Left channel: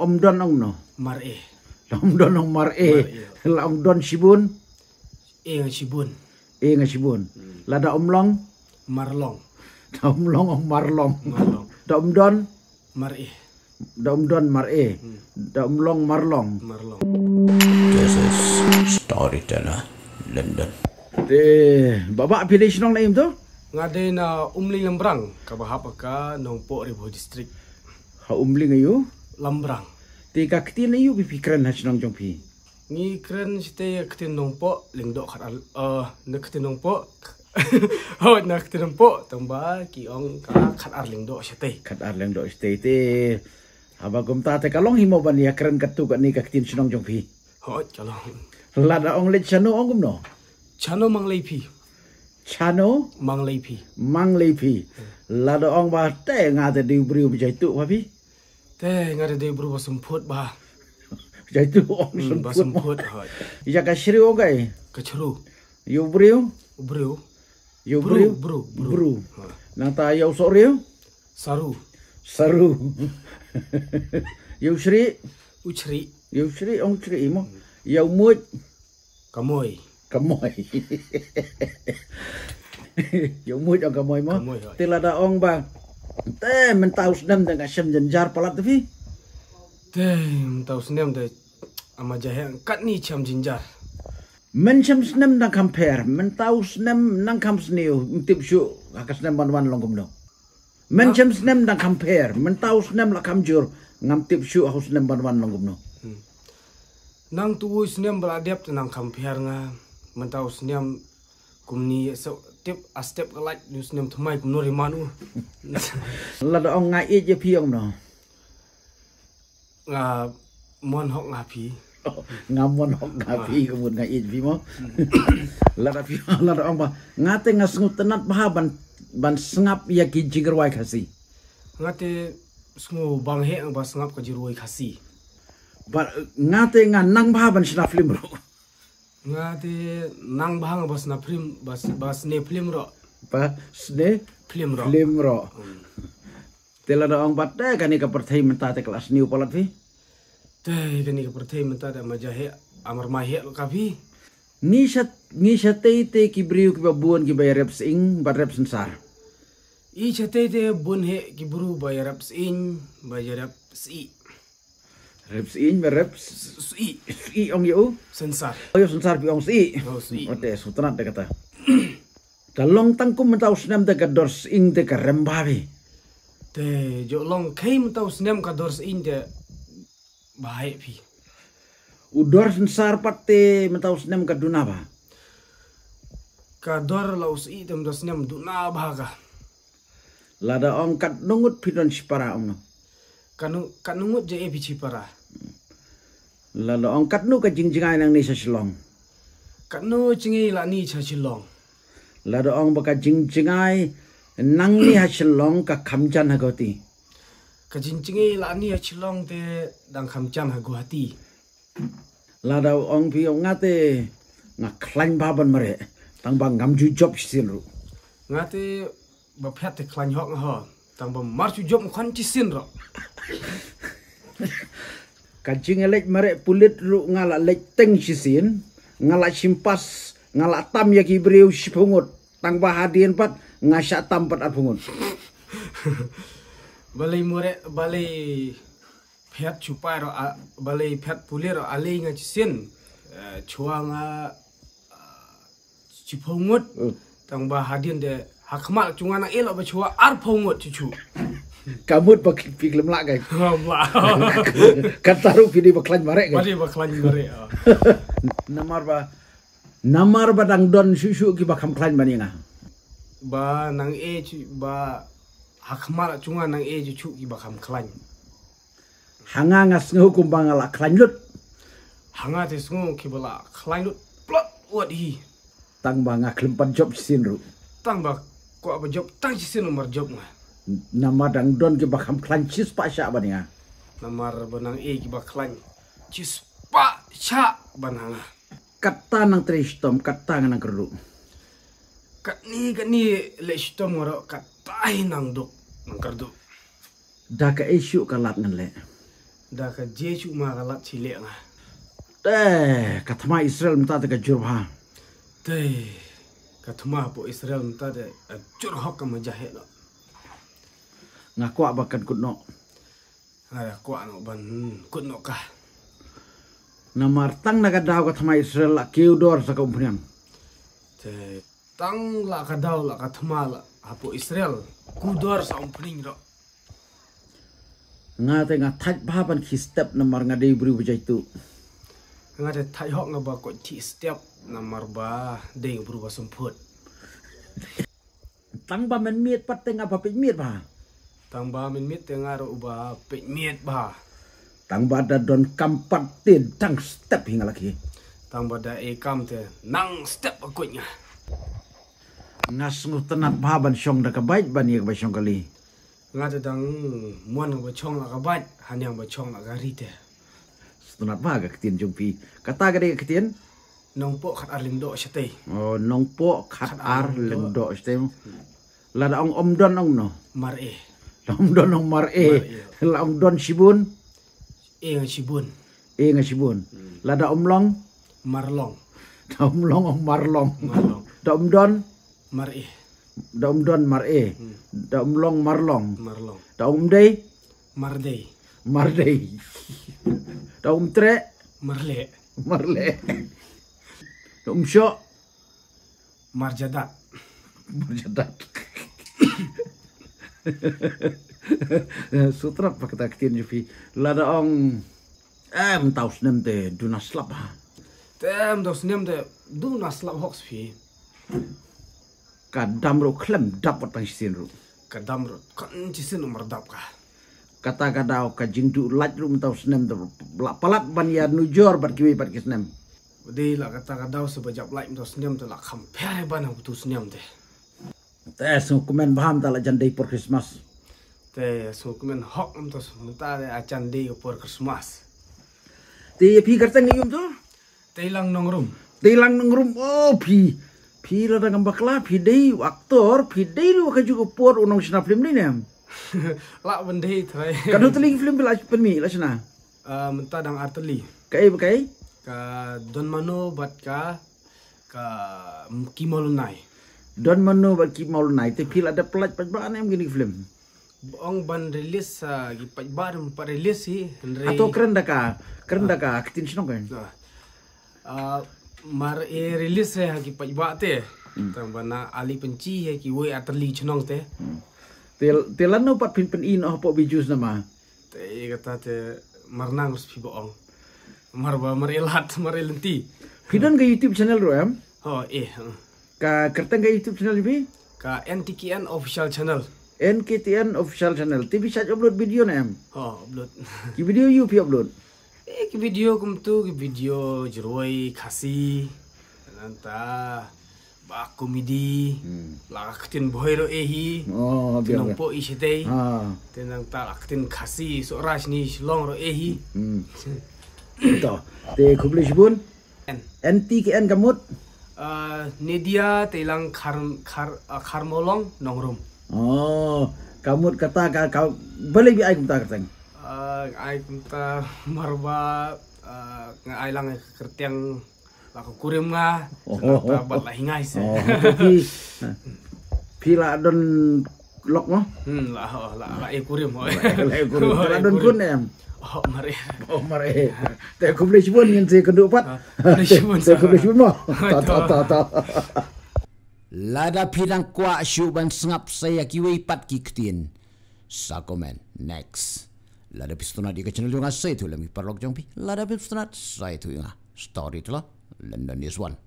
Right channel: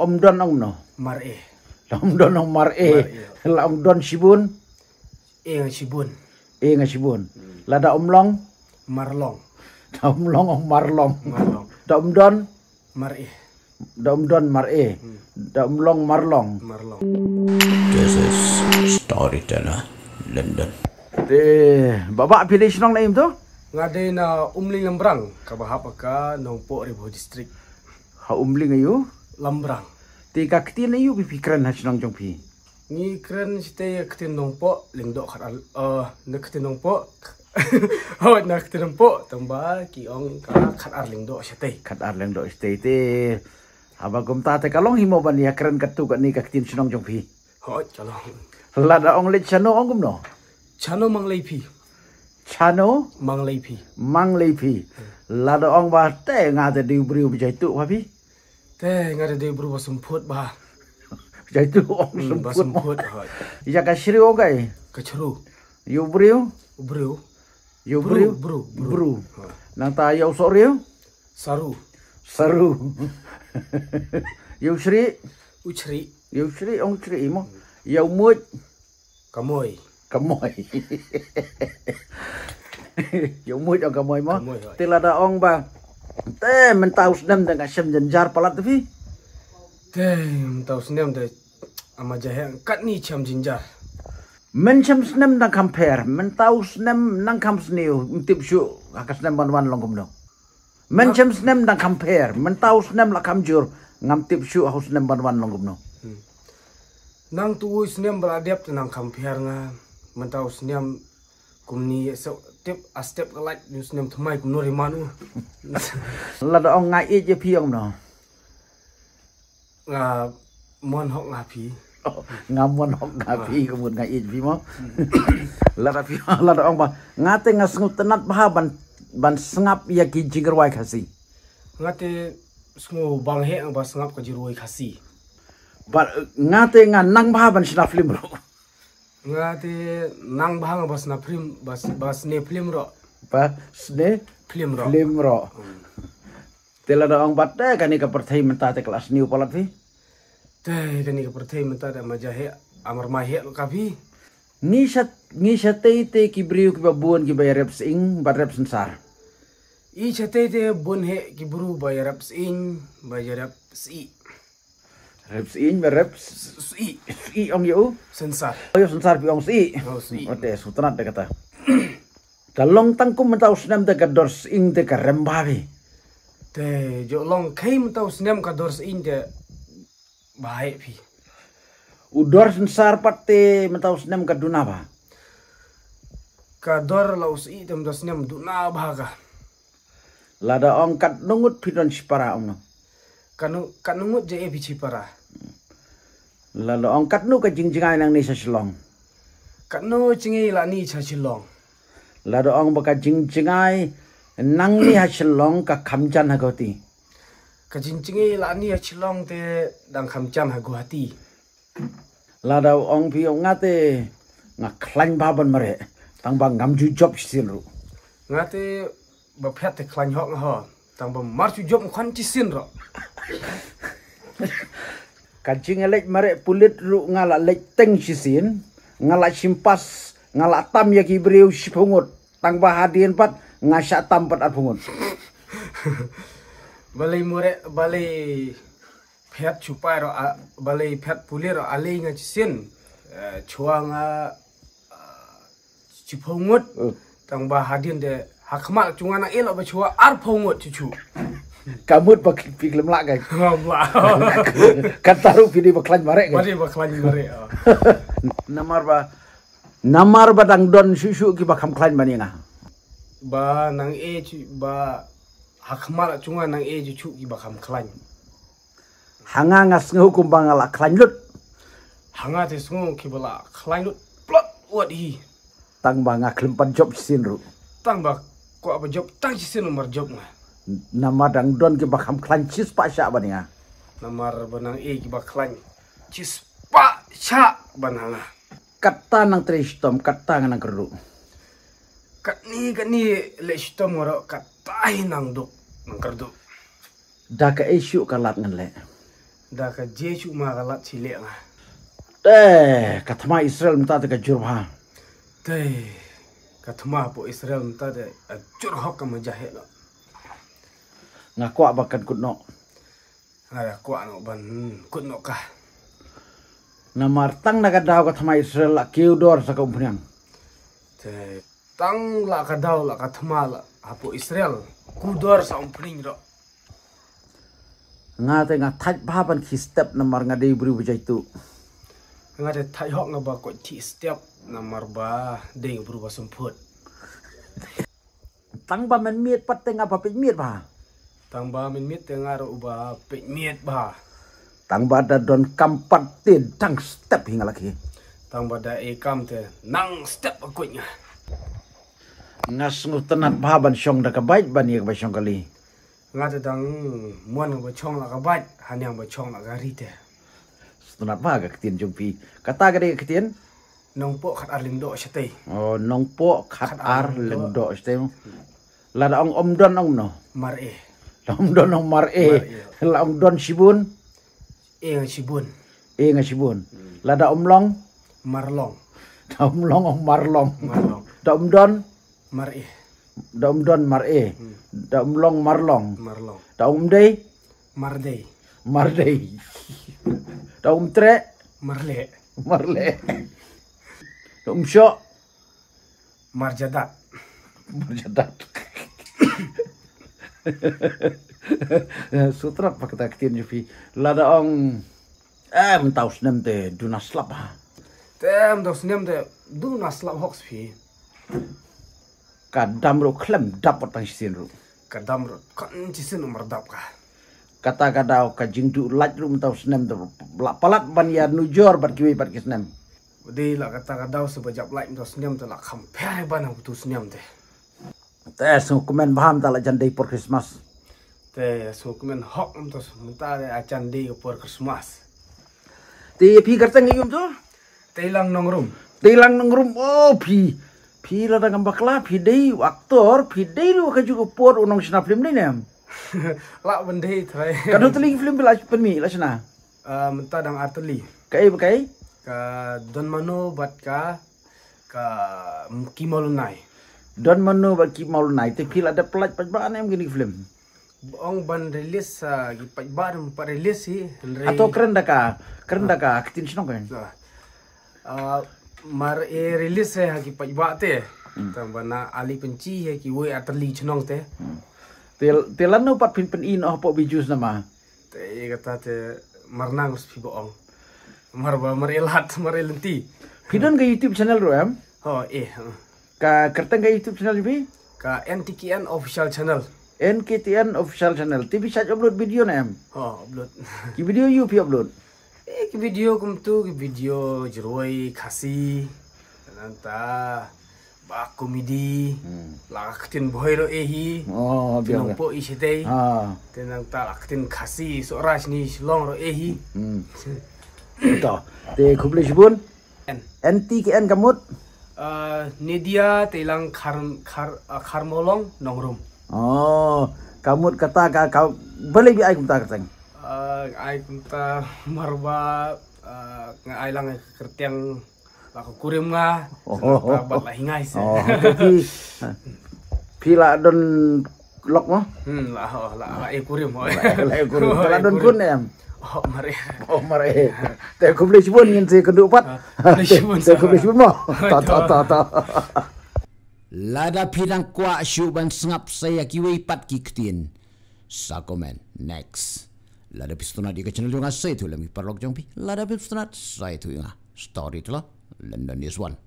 Om Don ong no. Mar'e. La Om Don ong Mar'e. La Om Don Sibun. Nga Sibun. Nga Sibun. La da Om Long. Marlong. Da Om Long ong Marlong. Marlong. Da Om Don. Mar'e. Da Om Don Mar'e. Da Om Long Marlong. Marlong. This is Storyteller London. Bapak pilih senang naim tu? Ngade na umli Lambrang kabahapa ka nongpo Ribo District. Ha umli ngayu? Lambrang. Tiga ketin ayu pikiran ha senang jong pi. Ni kren site ketin nongpo lingdo khat na ketin nongpo. Oh na ketin nongpo tamba ki ong ka khat ar lingdo site. Khat ar lingdo site te. Aba gum ta te kalong himo ban ya keren katu ka ni ka ketin senang jong pi. Ho chalo. Lada ong let chano ong gum no. Chano mang leipi. Chano mang leipi. Mang leipi. Lada ong ba te nga te di briu bijai tu ba pi. Te ngade de bru basemput ba. Bijai tu ong basemput ha. Ya ka shri ong kai. Kachru. Yu briu. Bru. Yu briu. Bru. Nang ta yo so riu. Saru. Saru. Yu shri. Uchri. Yu shri ong shri mo. Yu mut. Kamoy. Kamoy. Yung mood ang kamoy mo. Tila da ong ba. Te mentaus nem dengan syam jenjar palat tu fi. Te mentaus nem de ama jahe kat ni cham jinjar. Men syam nem nang compare. Mentaus nem nang kam sniu. Tip syu akas nem ban long kumno. Men syam nem nang compare. Mentaus nem la kam jur. Ngam tip syu haus nem ban long kumno. Nang tuwi snem beradap tenang compare nga. Mentaus nem kumni so tip a step like news nem thmai kum no rimanu. La da ong ngai je piong no. Nga mon hok nga pi. Ngamon hok nga pi kemun ngai je pi mo. La da ong ba ngate ngasngut tenat bah ban sengap ya ki jinggerwai khasi. Ngate sngu bang he ang ba sengap ka jiroi khasi. Ba ngate nga nang bah ban sna film ro. Ngate nang bahang bas na film bas ne film ro. Ba sne film ro. Film ro. Tela da ong batte kani ka perthai menta te kelas new palat fi. Te kani ka perthai menta da majahe amar mahe lo ka fi. Ni sat te ki briu ki babuan ki bayar reps ing ba reps sensar. I chate te bun he ki buru bayar reps ing bayar reps i. Reps in reps i ong yo sensar. Yo sensar pi ong si. Oh si. Ote sutrat de kata. Kalong tangkum mentau senam de kadors ing de karembawi. Te jo long kai mentau senam kadors ing de bahai pi. Udor sensar patte mentau senam kaduna ba. Kador laus i tem dos senam duna baga. Lada ong kat nungut pidon sipara ong. Kanungut je e bici para. Lalu angkat nu ke jingjingai nang ni sa silong. Kanu cingi la ni cha silong. Lalu ang baka jingjingai nang ni ha silong ka kamjan ha goti. Ka jingjingi la ni ha silong te dang kamjan ha guhati. Lalu ang pi ngate nga klan baban mare tang bang ngamju job sin ru. Ngate bapet te klan hok ha tang bang marju job khan ci sin ro. Kacing elek mare pulit ru ngala lek teng sisin ngala simpas ngala tam ya ki briu sipungut tang bahadien pat ngasa tam pat apungut. Balai mure balai pet chupai ro balai pet pulir ro alai nga cisin chua nga cipungut tang bahadien de hakmal cunga na elo ba chua ar pungut cucu. Kamut pak piklem lak guys. Allah. Kataru pidi baklan mare guys. Mari baklan mare. Namar badang don susu ki bakam klan maninga. Ba nang e ba hakmal cunga nang e cucu ki bakam klan. Hanga ngas ngukum bangala klan lut. Hanga te sungu ki bala klan lut plot wat hi. Tang banga klempan job sinru. Tang ba ko ba job tang sin nomor job nga. Nama dang don ki bakam klan cis pa sya baninga. Namar banang e ki baklan cis pa sya bananga. Kata nang tristom kata nang keru. Kat ni le stom ngoro kat tai nang duk nang kerdu. Da ka isu kalat ngan le. dah ke Jesu magalat cilek ngah. Katma Israel minta te kajurha. Teh katma po Israel minta te curhok ke majahit lo. Ngaku abakan kutno. Ada kuat no ban kut no kah. Namartang nakadaw katma Israel la kiudor sa kumpunyang. Teh tang la kadaw la katma la apo Israel kudor sa umpuning ro. Ngate ngataj baban ki step namar ngadei beri bujaitu. Ngade thayok ngaba ko ti step namar ba ding berubah semput. Tang ba men miet pat tengah apa pit miet ba. Tang ba min mit tengar uba pek miet ba. Tang ba da don kampat tin tang step hingga lagi. Tang ba da kam te nang step akunya. Ngas ngutenat baban syong da kabait ban ye ba syong kali. Ngade dang muan ngaba chong la kabat hanyang ba chong la gari te. Tunat ba ga ketien jumpi. Kata gade ketien. Nong po khat arling do syate. Oh nongpo khat ar lendo stem. Lada om don ong no. Mar Om don ong mar la om don sibun. nga sibun. Nga sibun. Lada om long. Marlong. Da om long ong marlong. Marlong. Da om don. Mar Da om don mar Da om long marlong. Marlong. Da om day. Mardei. Mardei. Da om tre. Marle. Marle. Da om syok. Marjadat. Marjadat. Sutrat pa kita ketien jupi. Lada ong mentau senem te dunaslap ha. Tem dos nem te du naslap hoks fi. Kadam ro klem dapat pang sin ro. Kadam ro kan cisin umar dap ka. Kata kadau ka jingdu laj ro mentau senem te palat ban ya nujor bat kiwi bat kisnem. Budi la kata kadaw sebajap like dos nem te la kampai ban tu nem te. Te so komen baham ta la jandai por Christmas. Te so kemen hok tos minta de acan di por Christmas. Te pi kerteng yum tu. Te lang nongrum. Te lang nongrum oh pi. Pi la dang bakla pi dei aktor pi dei ru ka juga por unong sina film ni nem. La bendei thai. Kadu teling film bila penmi la sina. Minta dang arteli. Kai Ka don mano bat ka kimolunai. Don mano bat kimolunai te pi la ada pelaj pajbaan em gini film. Ong ban rilis gi pajbar pa rilis si Atau keren dah ka ketin sino kan. Mar rilis se gi pajba te. Tambana ali penci he ki we atli chnong te. Telan no pat pin in oh po bijus nama. Te kata te marnang us pi boong. Marba marilat marilenti. Pidon ka YouTube channel ro em. Oh Ka kerteng ka YouTube channel bi? Ka NTKN official channel. NKTN official channel. TV chat upload video na em. Oh upload. Ki video you pi upload. Ki video kum tu ki video jeroi khasi. Nanta ba komedi. La katin boy ro ehi. Oh biar. Tinong po isitay. Tinang ta lakitin khasi so ras ni long ro ehi. Ito. Te kubli sibun. NTKN kamut. Nedia telang karmolong nongrum. Oh, kamut kata kau boleh bi ai kumta kerteng. Ai kumta marba ngai lang kertiang laku kurim nga. Senata bat lah hingai se. Oh, pila don lok mo? La kurim. La kurim. La don kun em. Oh mare. Te kubli sibun ngin se kendu pat. Kubli sibun. Te kubli sibun mo. Ta. Lada pidang kwa syuban sengap saya kiwi pat kiktin. Sa komen next. Lada pistonat di channel yung saya tu lami parlok jong pi. Lada pistonat saya tu yung story tu lah. London is one.